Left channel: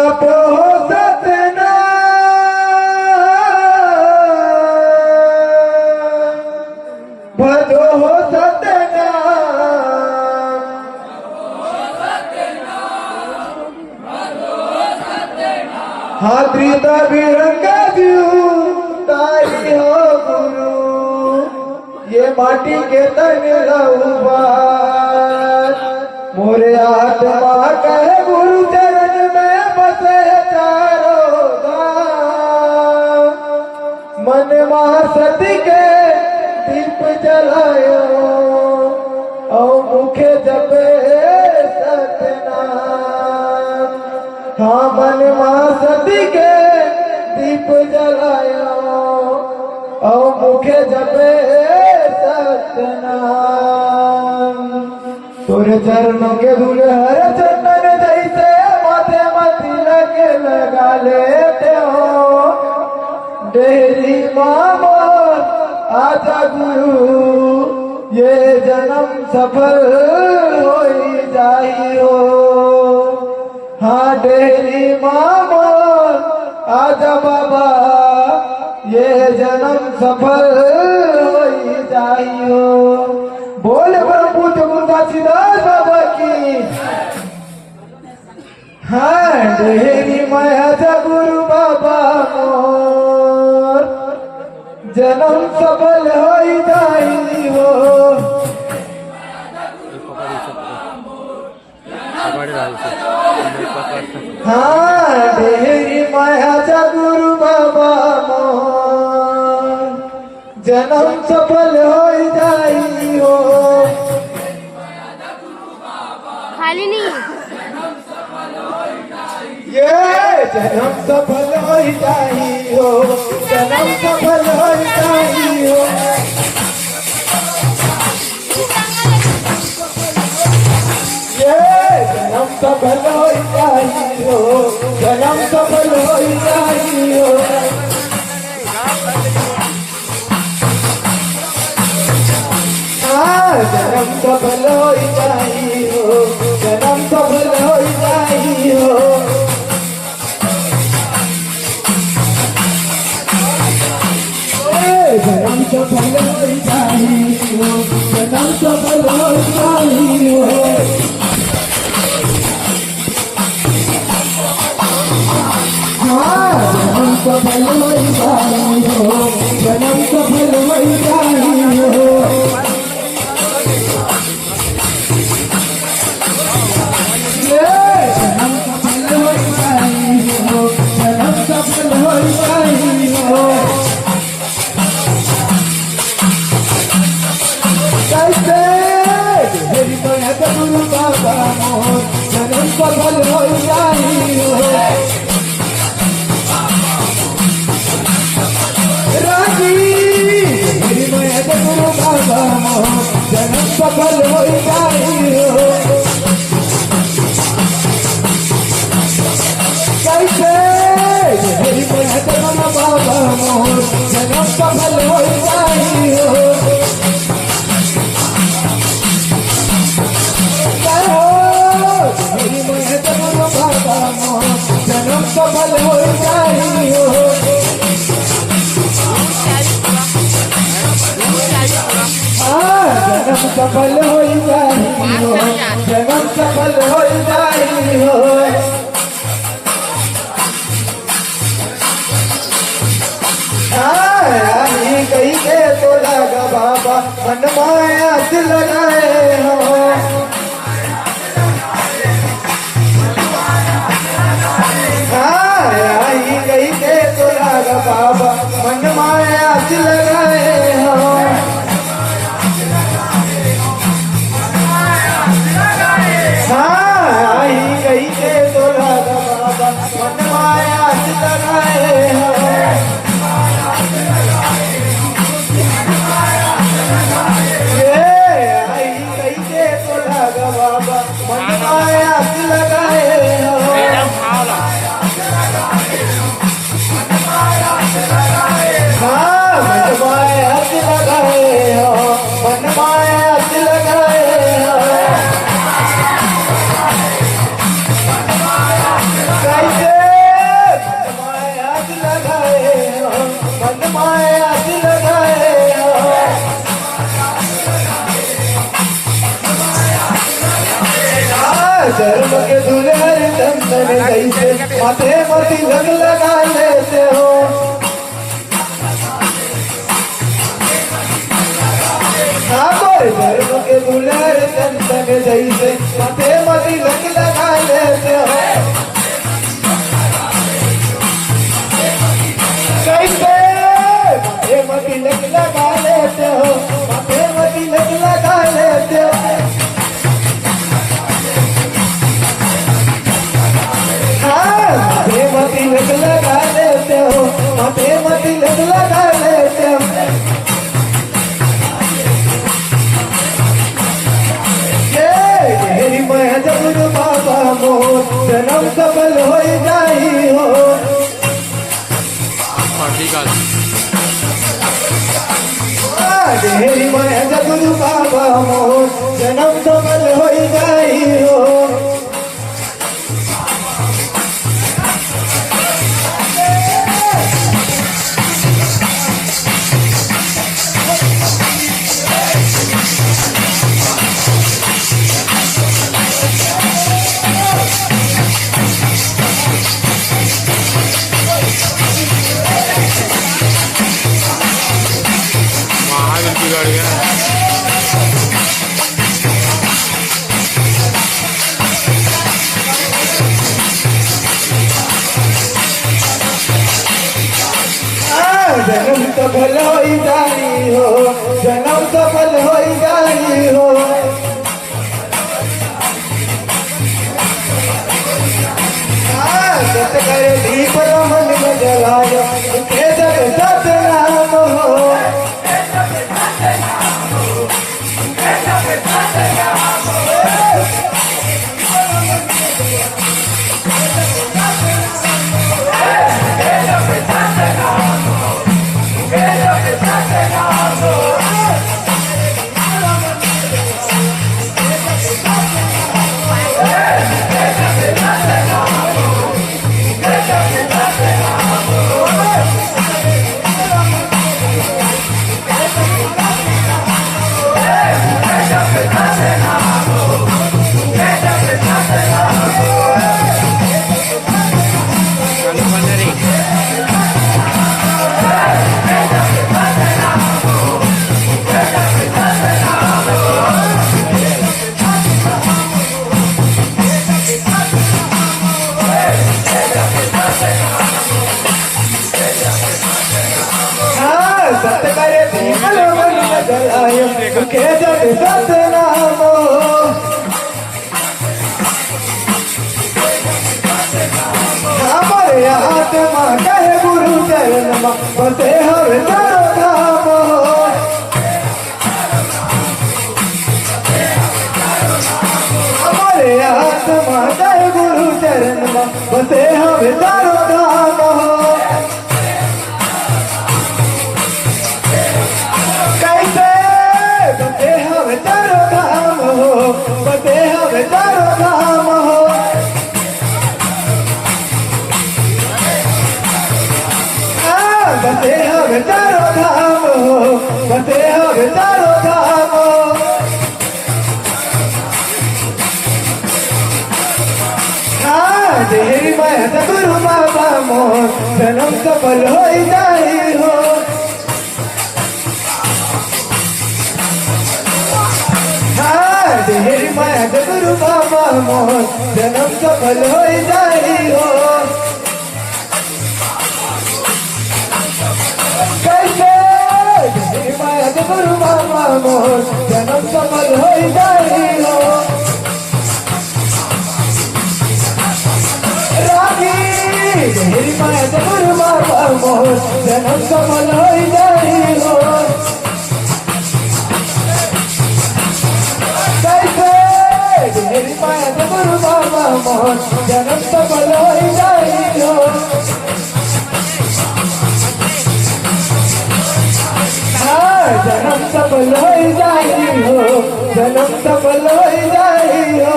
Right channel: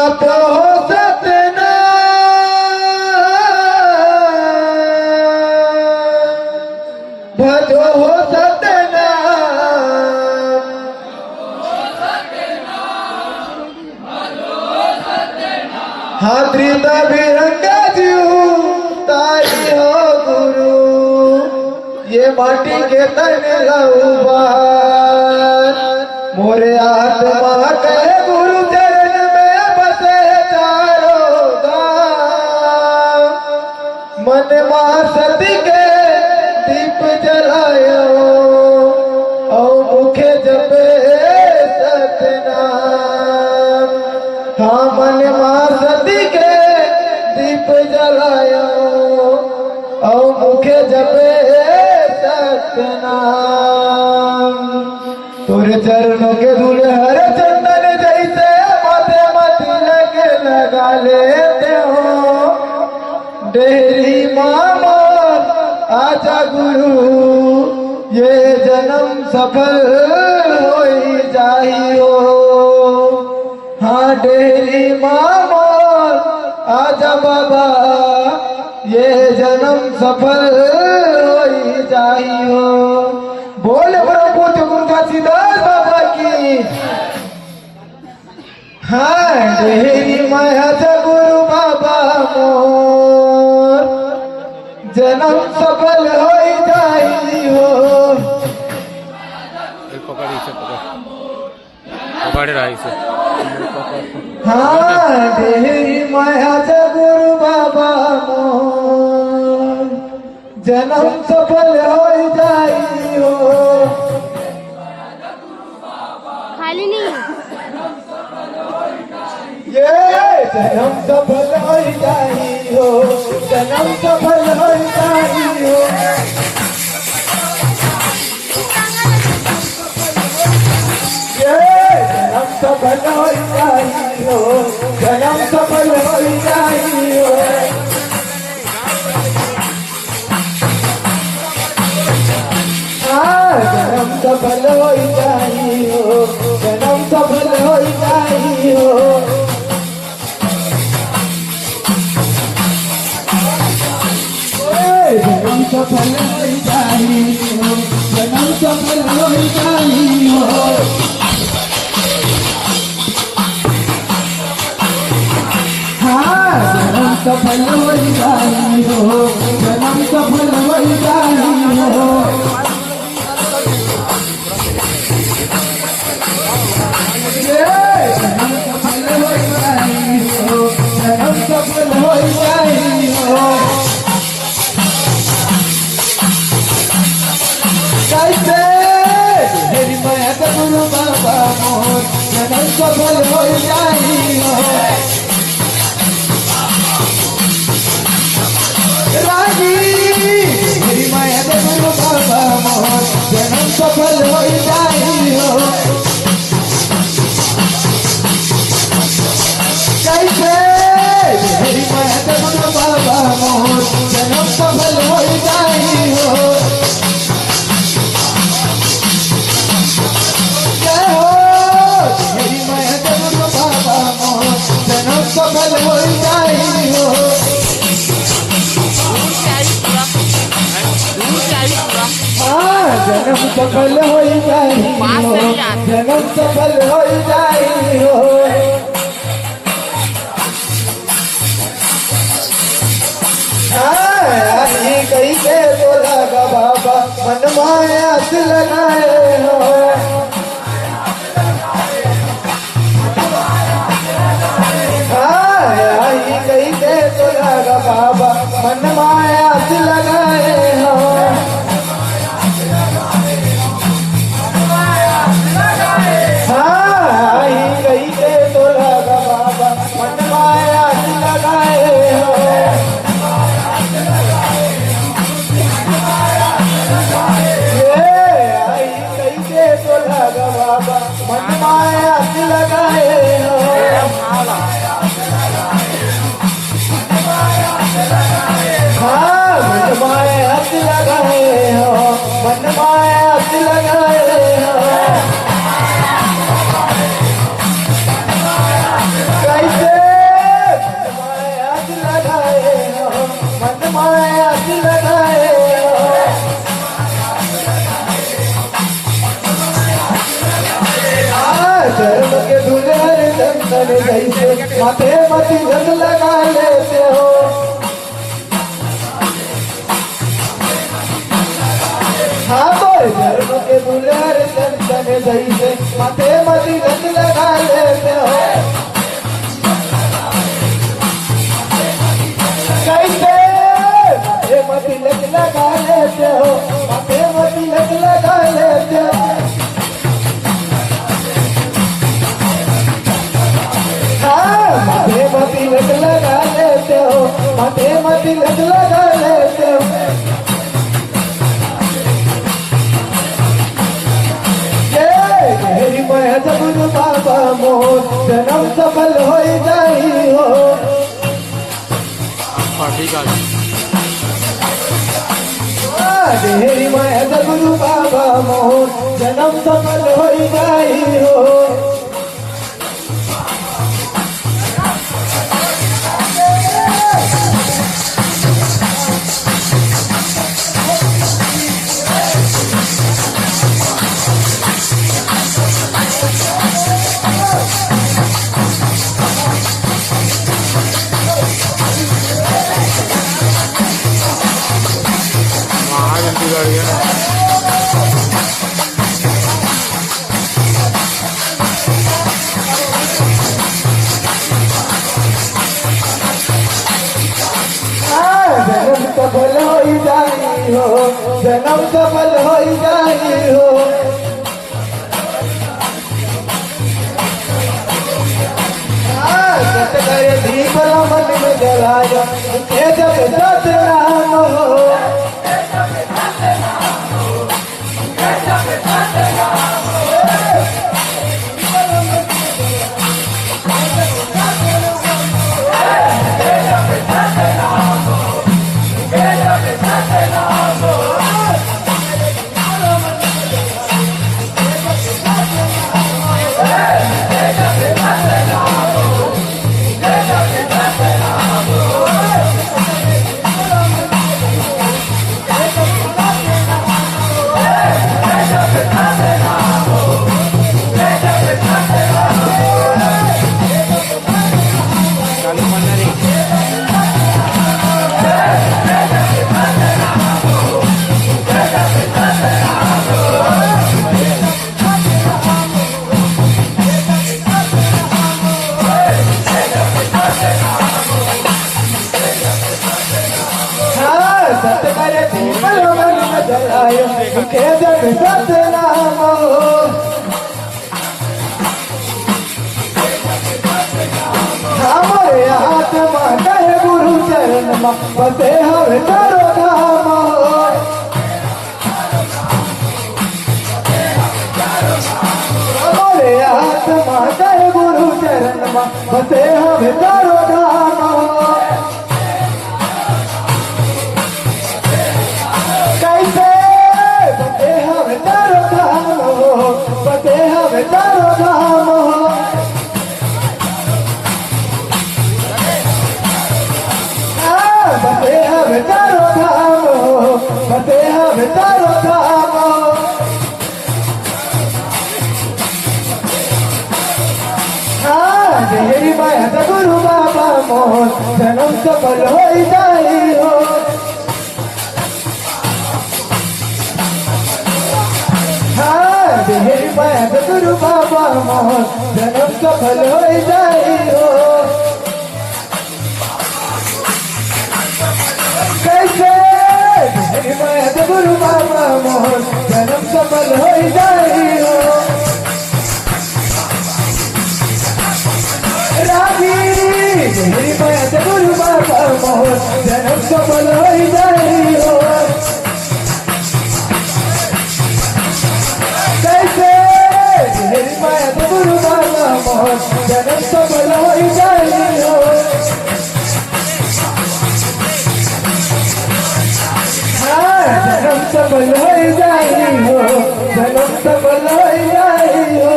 जपो सतना भजो सतना हाथी बिरंगा जीवताई हो गुरु ये माटी के तने लहूबार मोरे आत्मा कहे गुरु चरण में बसे चारो धाम मन मां सती के दीप जलायो और मुखे जपे सतनाम हाँ मन मां सती के दीप जलायो और मुखे जपे सतनाम तुर चरणों के धूल हर चंदन जैसे माथे मती लगे लगा लेते हो डेरी मामा आजा गुरु ये जन्म सफल हो जाइयो हाँ डेरी मामा आजा बाबा ये जन्म सफल हो जाइयो बोले प्रभु तुलसीदास बाबा की हाँ डेरी माया गुरु बाबा मोर जन्म सफल हो जाइयो हाँ डेरी माया गुरु बाबा मोर जन्म सफल हो जाइयो खाली नहीं ये जन्म सफल हो जाइयो जन्म सफल हो जाइयो ये जन्म सफल हो जाइयो जन्म सफल हो जाइयो जन्म सफल हो जाइयो जन्म सफल हो जाइयो जन्म सफल हो जाइयो जन्म सफल हो जाइयो हाँ जन्म सफल हो जाइयो जन्म सफल हो जाइयो गुरु बाबा मोर जन्म सफल हो जाइयो राजी मेरी माया गुरु बाबा मोर जन्म सफल हो जाइयो कैसे मेरी माया गुरु बाबा मोर जन्म सफल हो जाइयो सफल हो जाइयो जन्म सफल हो जाइयो जन्म सफल हो जाइयो कहीं के तो लगा बाबा मन माया से लगाए हो कहीं के तो लगा बाबा मन माया से लगाए हो हाँ कहीं के तो लगा बाबा मन माया से लगाए हो कहीं के तो लगा बाबा मन माया से लगाए हो कैसे माथे में तिलक लगा लेते हो। हमारे धर्म के बुलेर संतन जैसे माथे में तिलक लगा लेते हो। कैसे माथे में तिलक लगा लेते हो, माथे में तिलक लगा लेते हो। माथे में तिलक लगा लेते हो, माथे में तिलक लगा लेते हो। मेरी माया जब बाबा मोर जन्म सफल हो जाई हो। ठीक है मेरी माया जब बाबा मोर जन्म सफल हो जाई हो। महागल की गाड़ी है। जन्म सफल हो जाई हो, जन्म सफल हो जाई हो। सत करे दीप मन में जलाया के जब सत नाम हो। सत करे दीप मन में जलाया के जब सत नाम हो। हमारे आत्मा कहे गुरु चरण में बसे हर तारो धाम हो। हमारे आत्मा कहे गुरु चरण में बसे हर तारो धाम हो। कैसे बसे हर तारो धाम हो, बसे हर तारो धाम हो। बसे हर तारो धाम हो, बसे हर तारो धाम हो। मेरी माया गुरु बाबा मोर जन्म सफल हो जाई हो। मेरी माया गुरु बाबा मोर जन्म सफल हो जाई हो। कैसे मेरी माया गुरु बाबा मोर जन्म सफल हो जाई हो। रागी मेरी माया गुरु बाबा मोर जन्म सफल हो जाई हो। मेरी माया गुरु बाबा मोर जन्म सफल हो जाई हो। जन्म सफल हो जाई हो, जन्म सफल हो जाई हो।